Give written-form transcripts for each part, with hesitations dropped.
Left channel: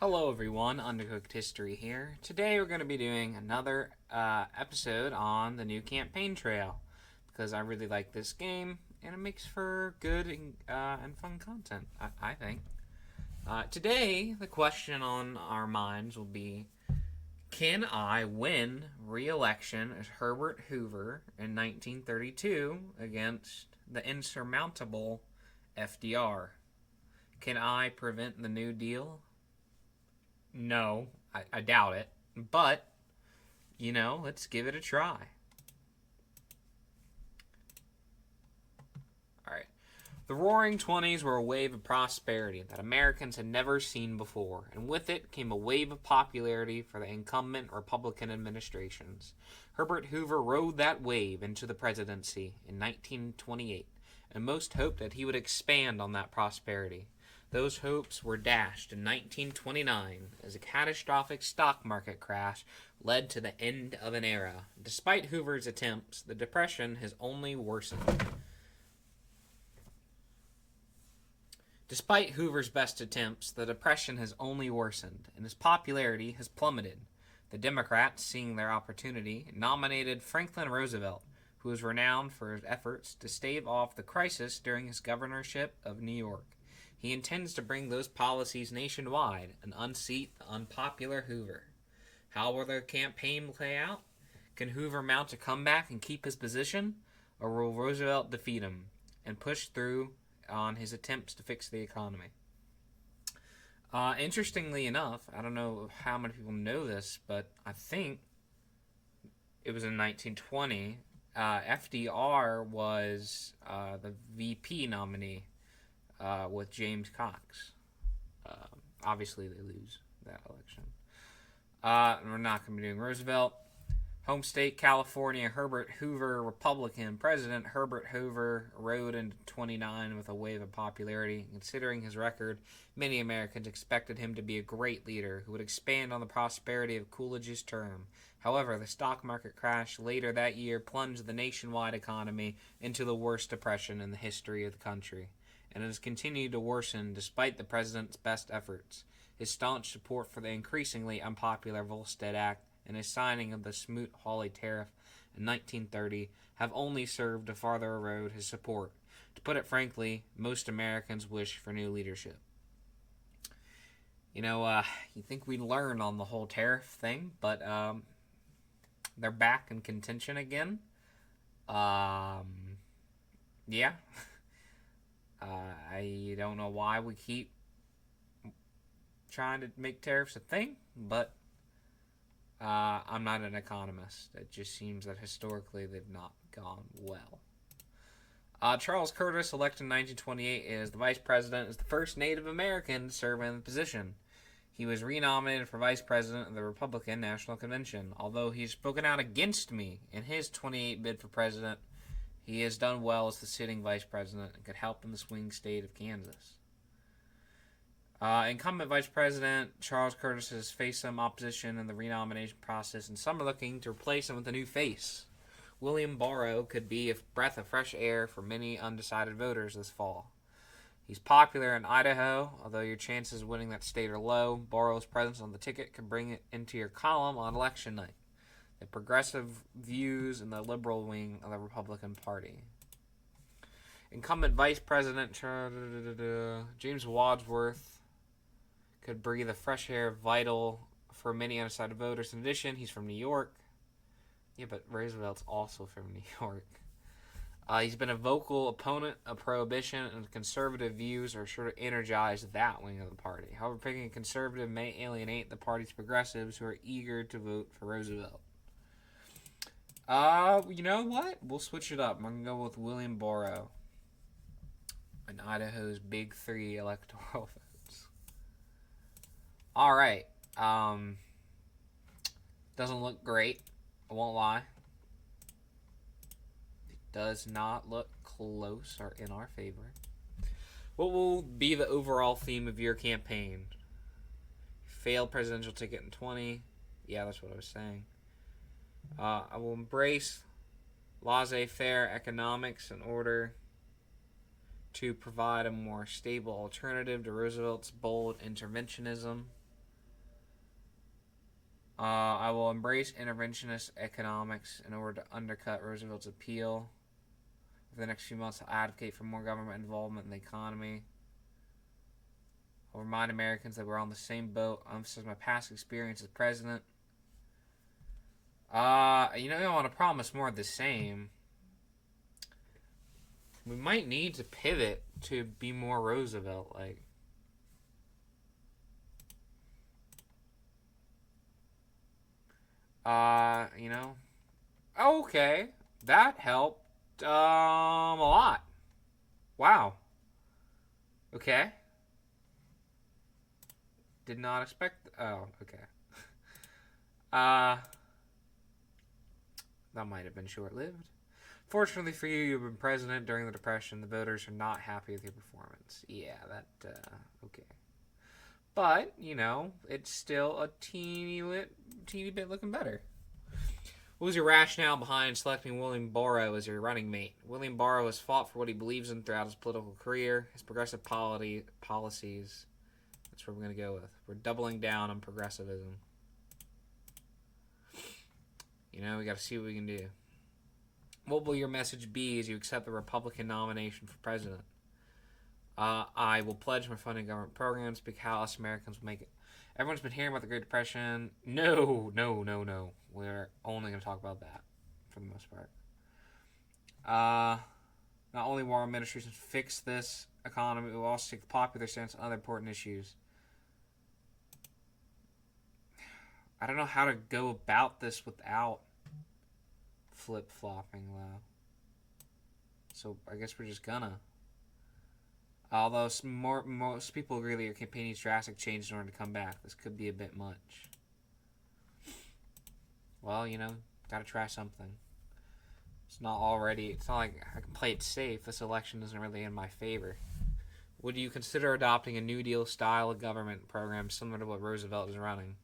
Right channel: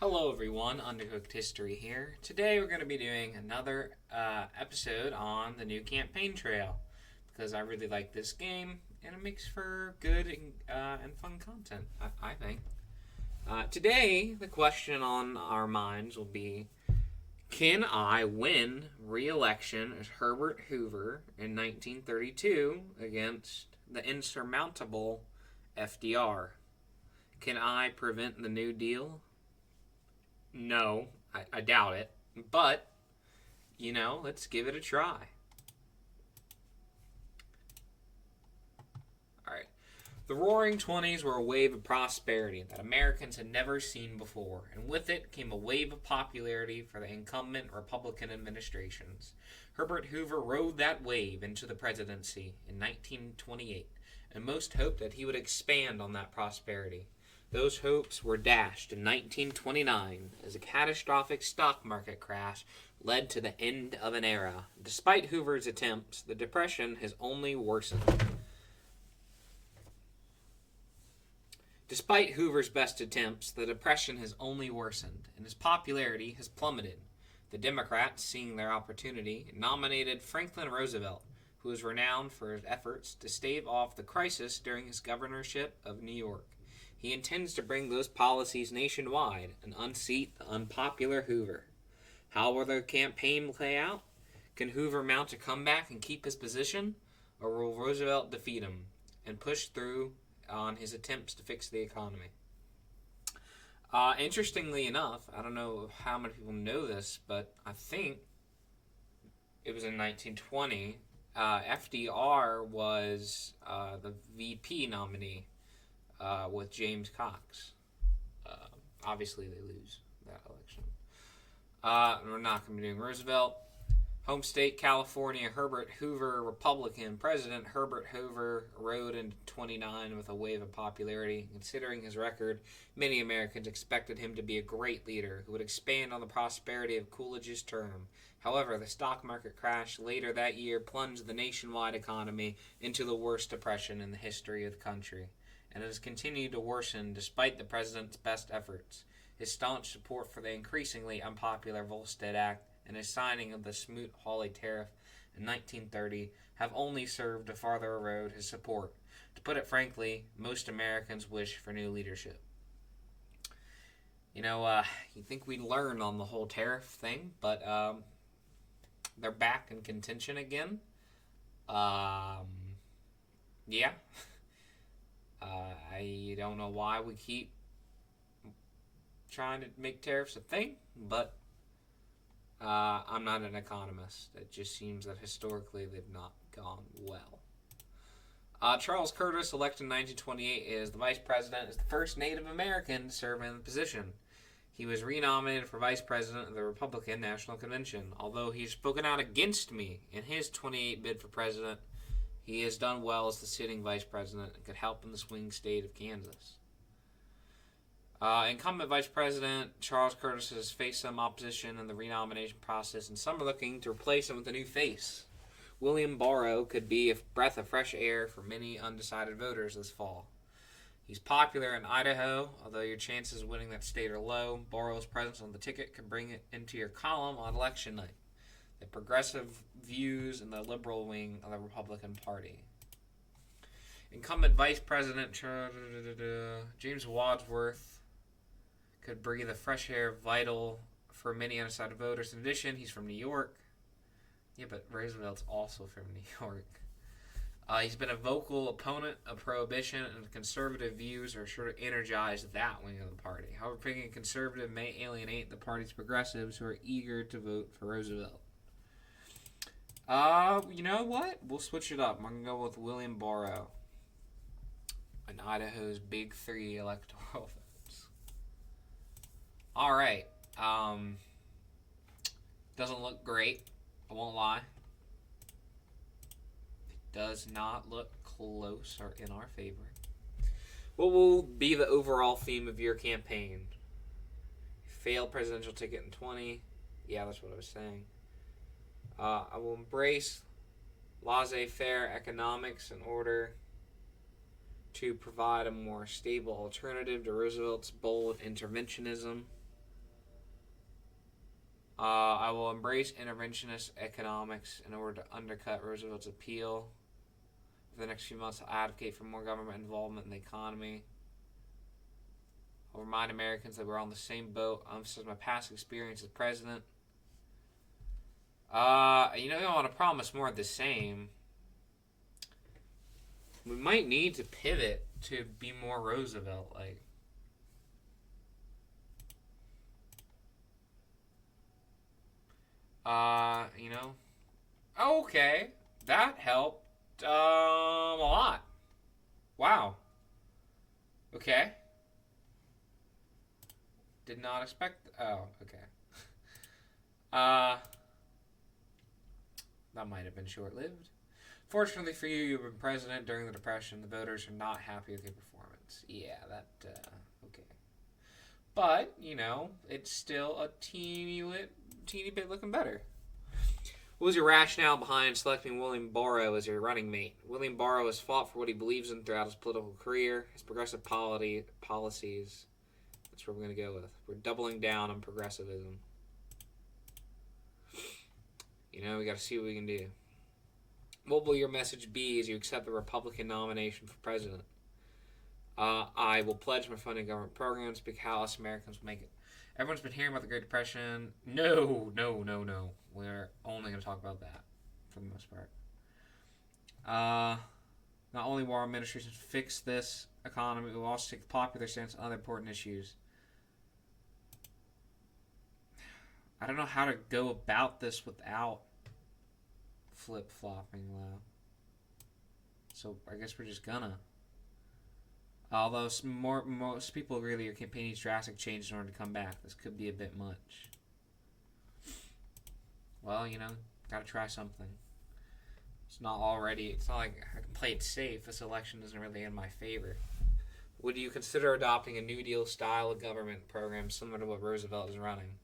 Hello everyone, Undercooked History here. Today we're going to be doing another episode on the new campaign trail because I really like this game and it makes for good and fun content, I think. Today, the question on our minds will be, can I win re-election as Herbert Hoover in 1932 against the insurmountable FDR? Can I prevent the New Deal? No, I doubt it. But, let's give it a try. Alright. The Roaring Twenties were a wave of prosperity that Americans had never seen before, and with it came a wave of popularity for the incumbent Republican administrations. Herbert Hoover rode that wave into the presidency in 1928, and most hoped that he would expand on that prosperity. Those hopes were dashed in 1929 as a catastrophic stock market crash led to the end of an era. Despite Hoover's attempts, the Depression has only worsened. Despite Hoover's best attempts, the Depression has only worsened, and his popularity has plummeted. The Democrats, seeing their opportunity, nominated Franklin Roosevelt, who was renowned for his efforts to stave off the crisis during his governorship of New York. He intends to bring those policies nationwide and unseat the unpopular Hoover. How will the campaign play out? Can Hoover mount a comeback and keep his position? Or will Roosevelt defeat him and push through on his attempts to fix the economy? Interestingly enough, I don't know how many people know this, but I think it was in 1920, FDR was the VP nominee with James Cox. Obviously, they lose that election. We're not going to be doing Roosevelt. Home state, California, Herbert Hoover, Republican president. Herbert Hoover rode into 29 with a wave of popularity. Considering his record, many Americans expected him to be a great leader who would expand on the prosperity of Coolidge's term. However, the stock market crash later that year plunged the nationwide economy into the worst depression in the history of the country, and it has continued to worsen despite the president's best efforts. His staunch support for the increasingly unpopular Volstead Act and his signing of the Smoot-Hawley Tariff in 1930 have only served to further erode his support. To put it frankly, most Americans wish for new leadership. You think we'd learn on the whole tariff thing, but they're back in contention again. Yeah. I don't know why we keep trying to make tariffs a thing, but I'm not an economist. It just seems that historically they've not gone well. Charles Curtis, elected in 1928 as the vice president, is the first Native American to serve in the position. He was renominated for vice president of the Republican National Convention. Although he's spoken out against me in his 28 bid for president, he has done well as the sitting vice president and could help in the swing state of Kansas. Incumbent Vice President Charles Curtis has faced some opposition in the renomination process, and some are looking to replace him with a new face. William Borrow could be a breath of fresh air for many undecided voters this fall. He's popular in Idaho, although your chances of winning that state are low. Borrow's presence on the ticket could bring it into your column on election night. The progressive views in the liberal wing of the Republican Party. Incumbent Vice President James Wadsworth could breathe a fresh air vital for many undecided voters. In addition, he's from New York. Yeah, but Roosevelt's also from New York. He's been a vocal opponent of prohibition, and conservative views are sure to energize that wing of the party. However, picking a conservative may alienate the party's progressives who are eager to vote for Roosevelt. You know what? We'll switch it up. I'm going to go with William Borrow in Idaho's Big Three electoral votes. Alright. Doesn't look great. I won't lie. It does not look close or in our favor. What will be the overall theme of your campaign? Failed presidential ticket in 20. Yeah, that's what I was saying. I will embrace laissez-faire economics in order to provide a more stable alternative to Roosevelt's bold interventionism. I will embrace interventionist economics in order to undercut Roosevelt's appeal. For the next few months, I'll advocate for more government involvement in the economy. I'll remind Americans that we're on the same boat. I'll emphasize my past experience as president. You know, I want to promise more of the same. We might need to pivot to be more Roosevelt-like. You know. Okay, that helped a lot. Wow. Okay. Did not expect. Oh, okay. That might have been short-lived. Fortunately for you, you've been president during the Depression. The voters are not happy with your performance. Yeah, that. Okay. But you know, it's still a teeny bit looking better. What was your rationale behind selecting William Barrow as your running mate? William Barrow has fought for what he believes in throughout his political career. His progressive policies. That's what we're going to go with. We're doubling down on progressivism. You know, we got to see what we can do. What will your message be as you accept the Republican nomination for president? I will pledge my funding government programs, speak how us Americans will make it. Everyone's been hearing about the Great Depression. No. We're only going to talk about that for the most part. Not only will our administration fix this economy, we will also take the popular stance on other important issues. I don't know how to go about this without flip-flopping low. So I guess we're just gonna. Although most people agree that your campaign needs drastic change in order to come back. This could be a bit much. Well, you know, gotta try something. It's not like I can play it safe. This election isn't really in my favor. Would you consider adopting a New Deal style of government program similar to what Roosevelt is running?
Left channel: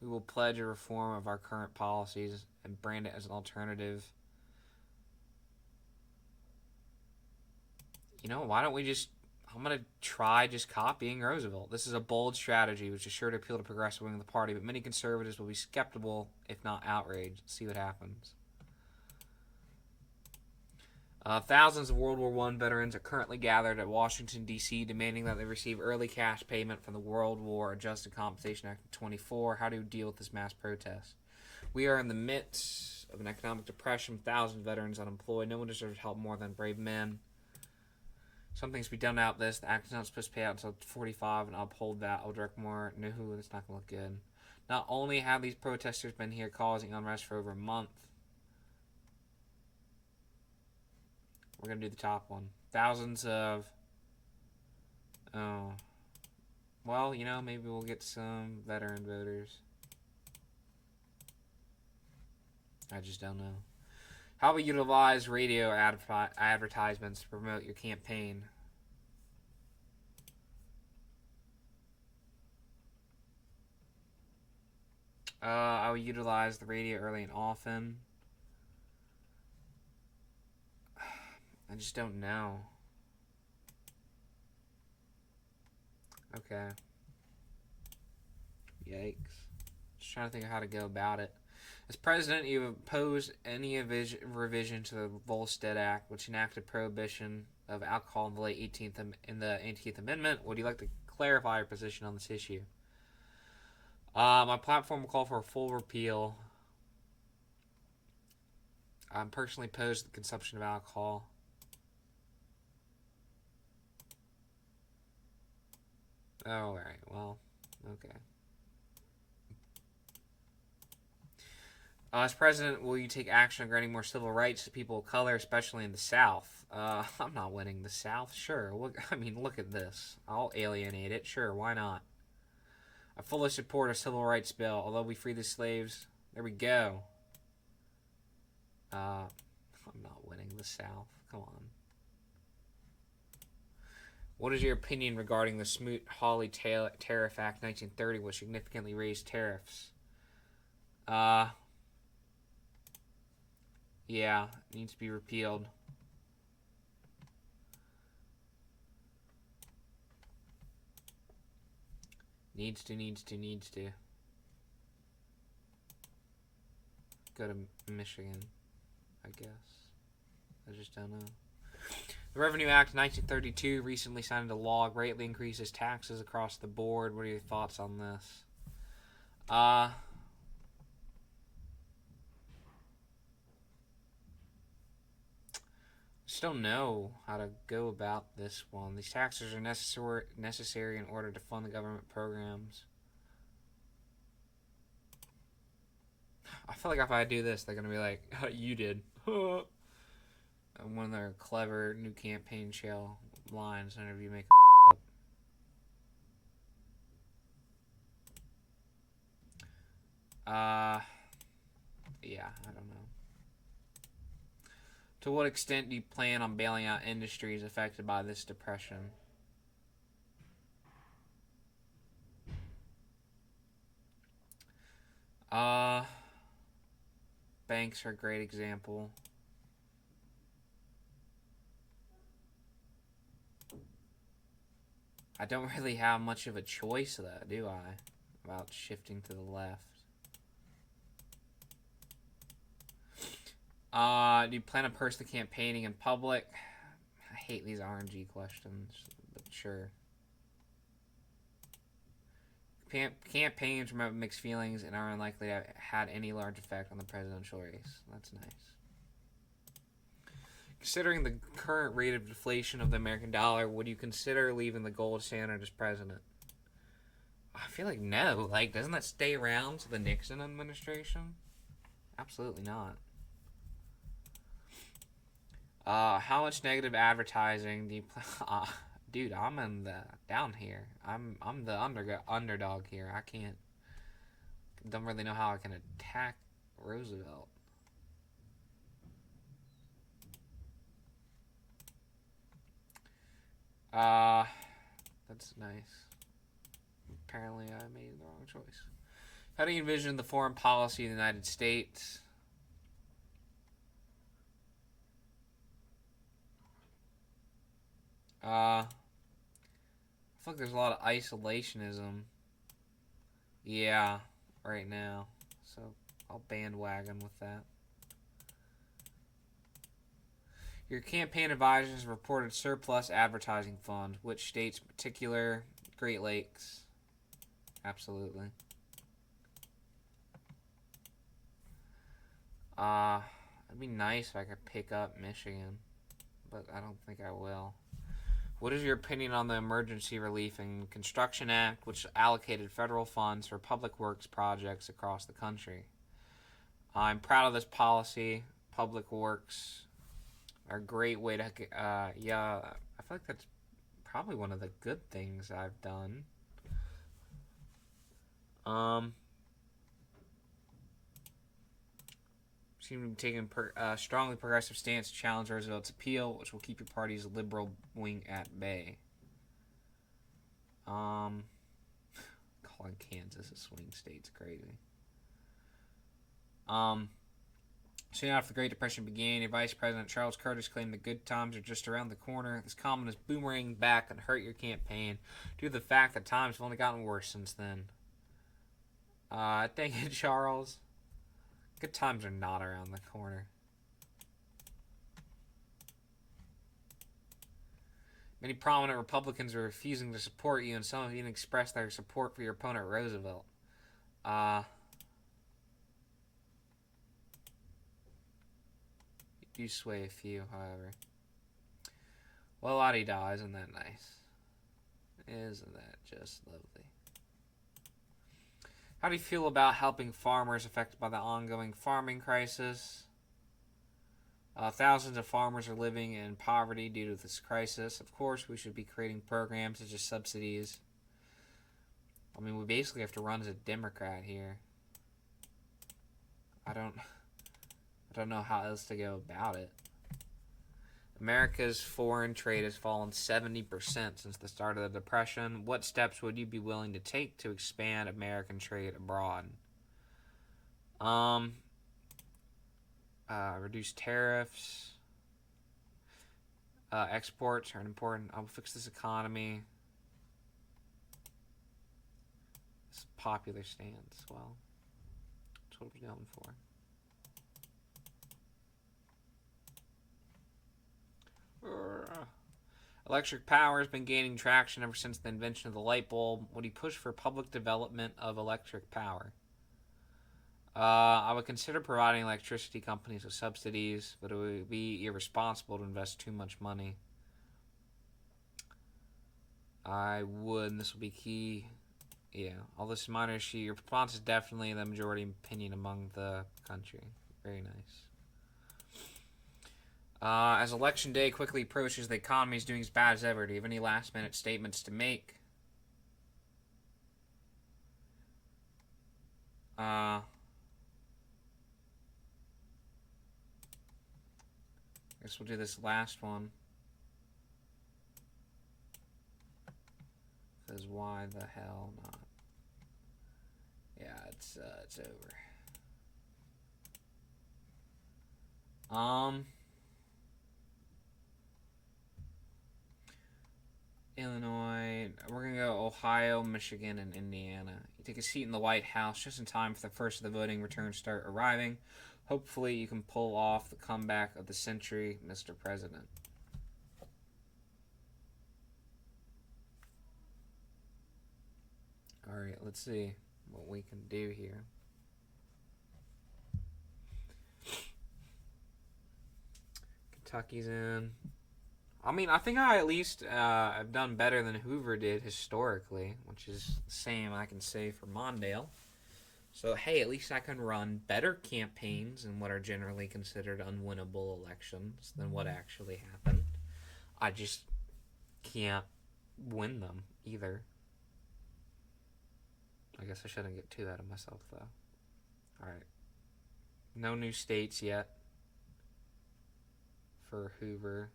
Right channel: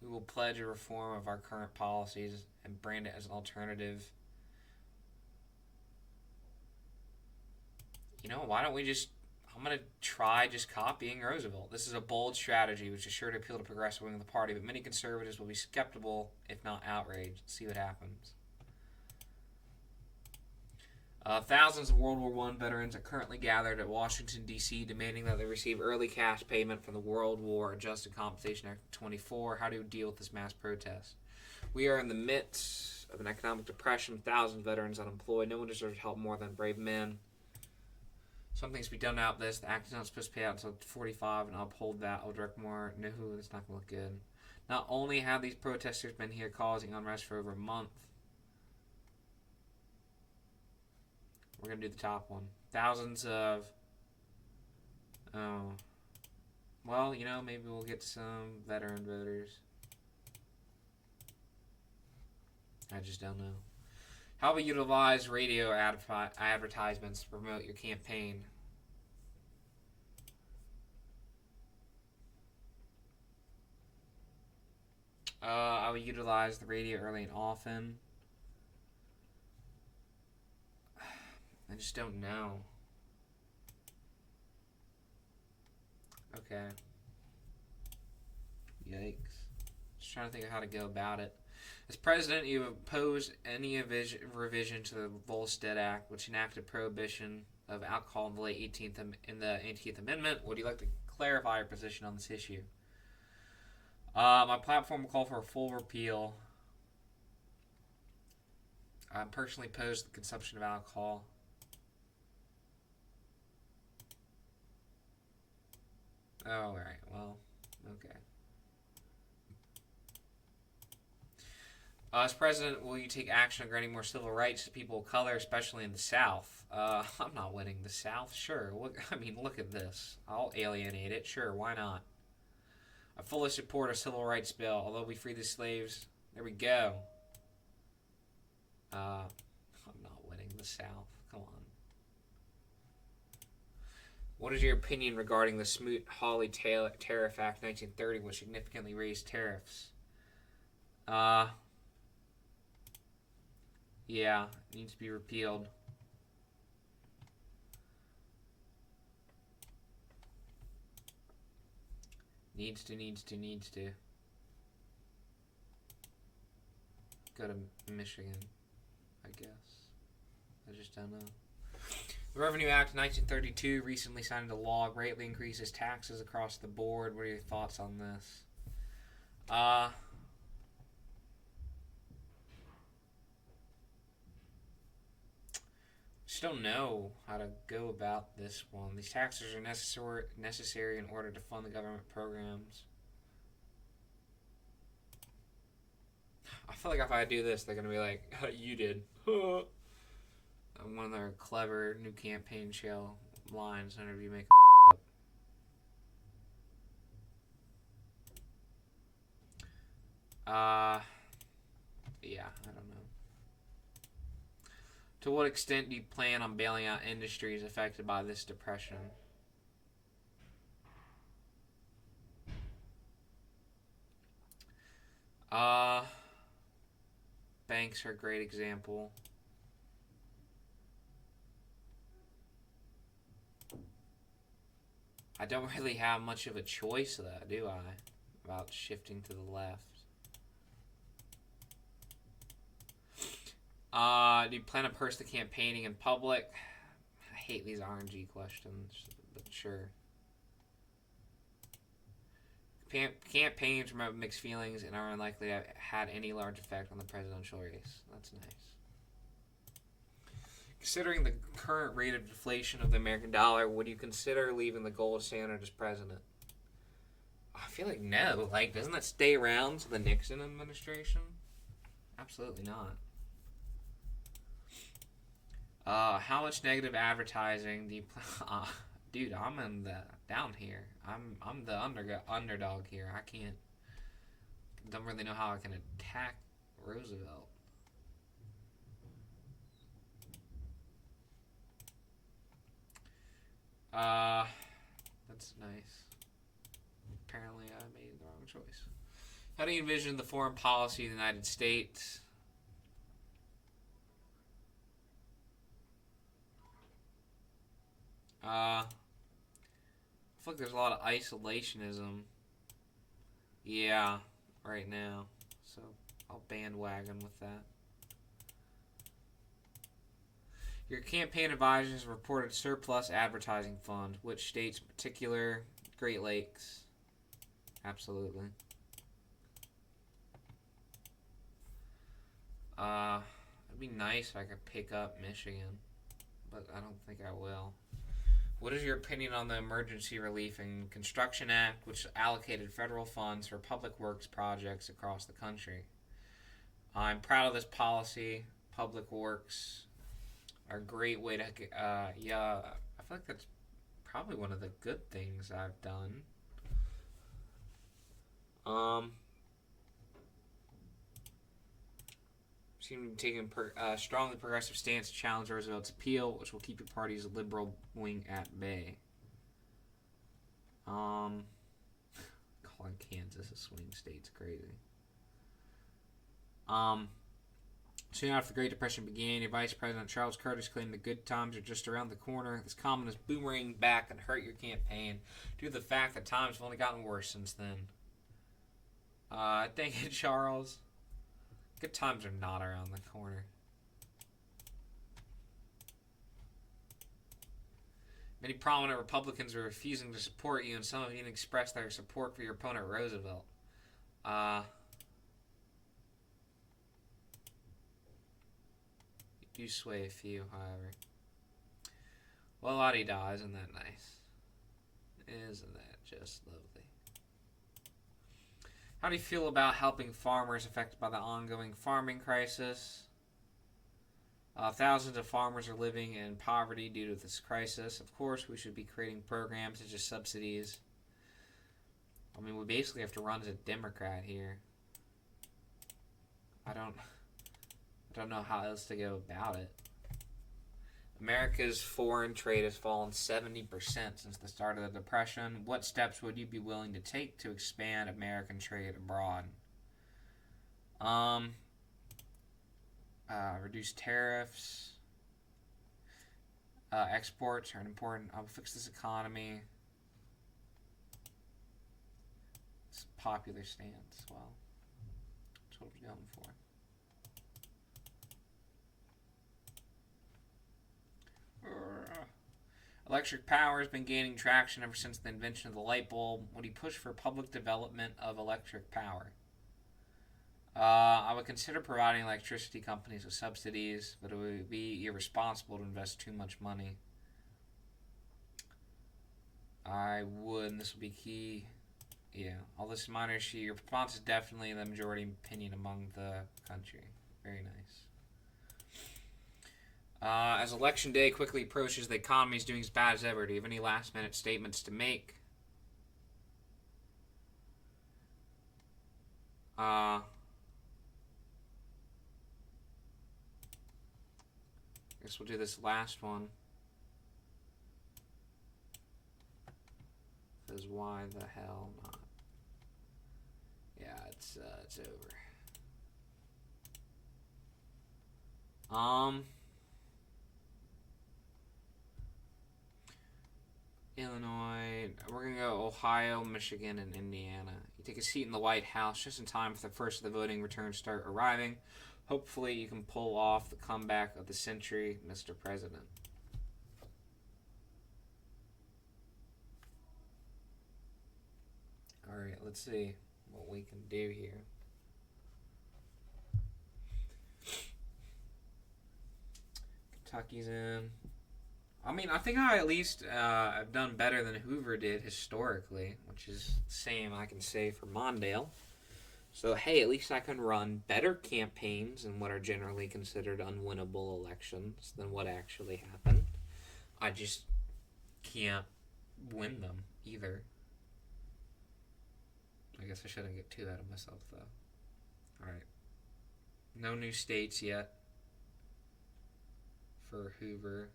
We will pledge a reform of our current policies and brand it as an alternative. You know, why don't we I'm going to try just copying Roosevelt. This is a bold strategy, which is sure to appeal to the progressive wing of the party, but many conservatives will be skeptical, if not outraged. Let's see what happens. Thousands of World War I veterans are currently gathered at Washington, D.C., demanding that they receive early cash payment from the World War Adjusted Compensation Act of 24. How do you deal with this mass protest? We are in the midst of an economic depression, thousands of veterans unemployed. No one deserves help more than brave men. Something needs to be done about this. The act is not supposed to pay out until 45, and I'll uphold that. I'll direct more. No, that's not going to look good. Not only have these protesters been here causing unrest for over a month, we're going to do the top one. Thousands of... Oh. Well, you know, maybe we'll get some veteran voters. I just don't know. How we utilize radio advertisements to promote your campaign. I would utilize the radio early and often. I just don't know. Okay. Yikes. Just trying to think of how to go about it. As president, you opposed any revision to the Volstead Act, which enacted prohibition of alcohol in the late 18th Amendment. Would you like to clarify your position on this issue? My platform will call for a full repeal. I'm personally opposed to the consumption of alcohol. Oh, alright, well, okay. As president, will you take action on granting more civil rights to people of color, especially in the South? I'm not winning the South. Sure. Look at this. I'll alienate it. Sure, why not? I fully support a civil rights bill. Although we free the slaves, there we go. I'm not winning the South. Come on. What is your opinion regarding the Smoot-Hawley Tariff Act 1930, which significantly raised tariffs? Yeah, it needs to be repealed. Needs to. Go to Michigan, I guess. I just don't know. The Revenue Act of 1932 recently signed into law, greatly increases taxes across the board. What are your thoughts on this? Just don't know how to go about this one. These taxes are necessary in order to fund the government programs. I feel like if I do this, they're gonna be like, oh, "You did." One of their clever new campaign shell lines whenever you make up. Yeah, I don't know. To what extent do you plan on bailing out industries affected by this depression? Banks are a great example. I don't really have much of a choice, though, do I? About shifting to the left. Do you plan on personally campaigning in public? I hate these RNG questions, but sure. Campaigns promote mixed feelings and are unlikely to have had any large effect on the presidential race. That's nice. Considering the current rate of deflation of the American dollar, would you consider leaving the gold standard as president? I feel like no. Like, doesn't that stay around to the Nixon administration? Absolutely not. How much negative advertising do you dude, I'm in the down here. I'm the underdog here. I don't really know how I can attack Roosevelt. That's nice. Apparently I made the wrong choice. How do you envision the foreign policy of the United States? I feel like there's a lot of isolationism. Yeah, right now. So I'll bandwagon with that. Your campaign advisors reported surplus advertising fund. Which states in particular? Great Lakes. Absolutely. It'd be nice if I could pick up Michigan, but I don't think I will. What is your opinion on the Emergency Relief and Construction Act, which allocated federal funds for public works projects across the country? I'm proud of this policy. Public works are a great way to, yeah, I feel like that's probably one of the good things I've done. Seem to be taking a strongly progressive stance to challenge Roosevelt's appeal, which will keep your party's liberal wing at bay. Calling Kansas a swing state's crazy. Soon after the Great Depression began, your Vice President Charles Curtis claimed the good times are just around the corner. This comment is boomerang back and hurt your campaign due to the fact that times have only gotten worse since then. Thank you, Charles. Good times are not around the corner. Many prominent Republicans are refusing to support you, and some have even expressed their support for your opponent, Roosevelt. You do sway a few, however. Well, la-di-da, isn't that nice? Isn't that just lovely? How do you feel about helping farmers affected by the ongoing farming crisis? Thousands of farmers are living in poverty due to this crisis. Of course, we should be creating programs such as subsidies. I mean, we basically have to run as a Democrat here. I don't know how else to go about it. America's foreign trade has fallen 70% since the start of the Depression. What steps would you be willing to take to expand American trade abroad? Reduce tariffs. Exports are important. I will fix this economy. popular stance. Well, that's what we're going for. Electric power has been gaining traction ever since the invention of the light bulb. Would he push for public development of electric power? I would consider providing electricity companies with subsidies, but it would be irresponsible to invest too much money. I would, and this will be key. Yeah, all this minor issue. Your response is definitely the majority opinion among the country. Very nice. As election day quickly approaches, the economy is doing as bad as ever. Do you have any last-minute statements to make? I guess we'll do this last one. Says why the hell not? Yeah, it's over. Illinois. We're gonna go Ohio, Michigan, and Indiana. You take a seat in the White House just in time for the first of the voting returns start arriving. Hopefully, you can pull off the comeback of the century, Mr. President. All right, let's see what we can do here. Kentucky's in. I mean, I think I at least have done better than Hoover did historically, which is the same I can say for Mondale. So, hey, at least I can run better campaigns in what are generally considered unwinnable elections than what actually happened. I just can't win them either. I guess I shouldn't get too out of myself, though. Alright. No new states yet for Hoover.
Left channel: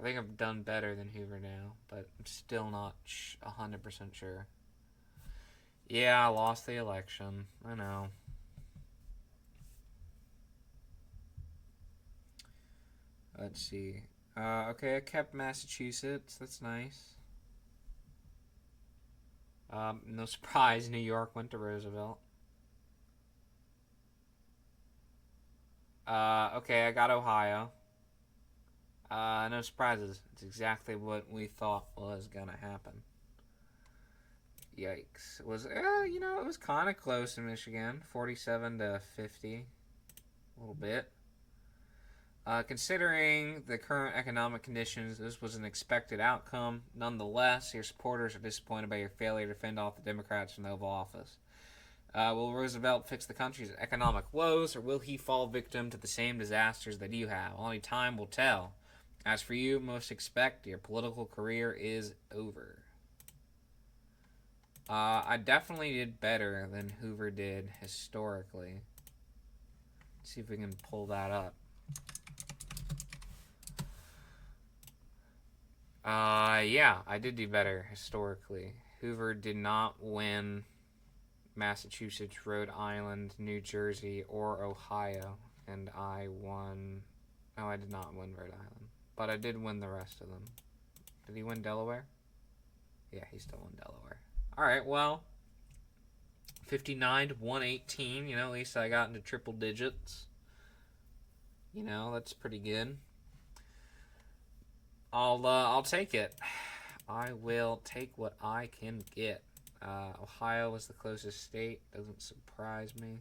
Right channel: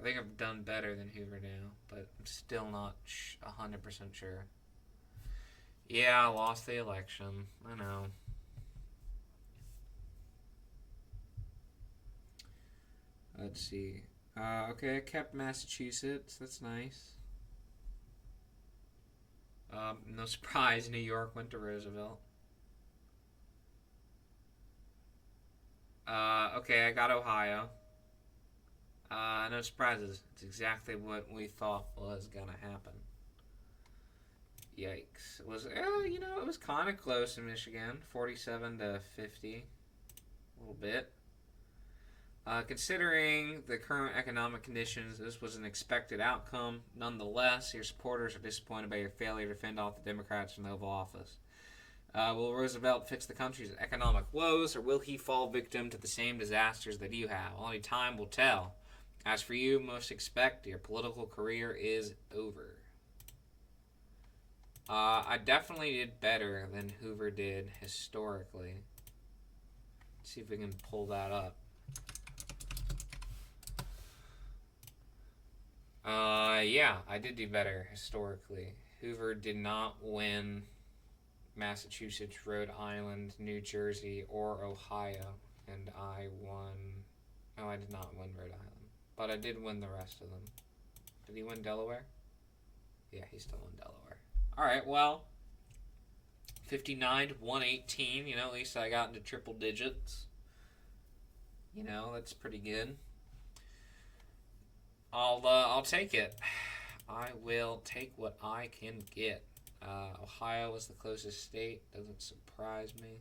I think I've done better than Hoover now, but I'm still not 100% sure. Yeah, I lost the election. I know. Let's see. Okay, I kept Massachusetts. That's nice. No surprise, New York went to Roosevelt. Okay, I got Ohio. No surprises. It's exactly what we thought was gonna happen. Yikes. It was, it was kind of close in Michigan. 47 to 50. A little bit. Considering the current economic conditions, this was an expected outcome. Nonetheless, your supporters are disappointed by your failure to fend off the Democrats from the Oval Office. Will Roosevelt fix the country's economic woes, or will he fall victim to the same disasters that you have? Only time will tell. As for you, most expect your political career is over. I definitely did better than Hoover did historically. Let's see if we can pull that up. Yeah, I did do better historically. Hoover did not win Massachusetts, Rhode Island, New Jersey, or Ohio, and I won. Oh, I did not win Rhode Island, but I did win the rest of them. Did he win Delaware? Yeah, he still won Delaware. All right, well, 59 to 118. At least I got into triple digits. That's pretty good. I'll take it. I will take what I can get. Ohio was the closest state. Doesn't surprise me.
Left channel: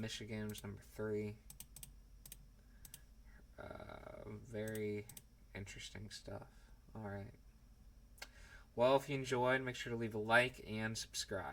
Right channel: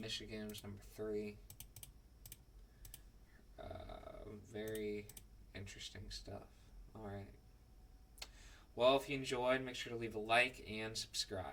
Michigan was number 3. Very interesting stuff. Alright. Well, if you enjoyed, make sure to leave a like and subscribe.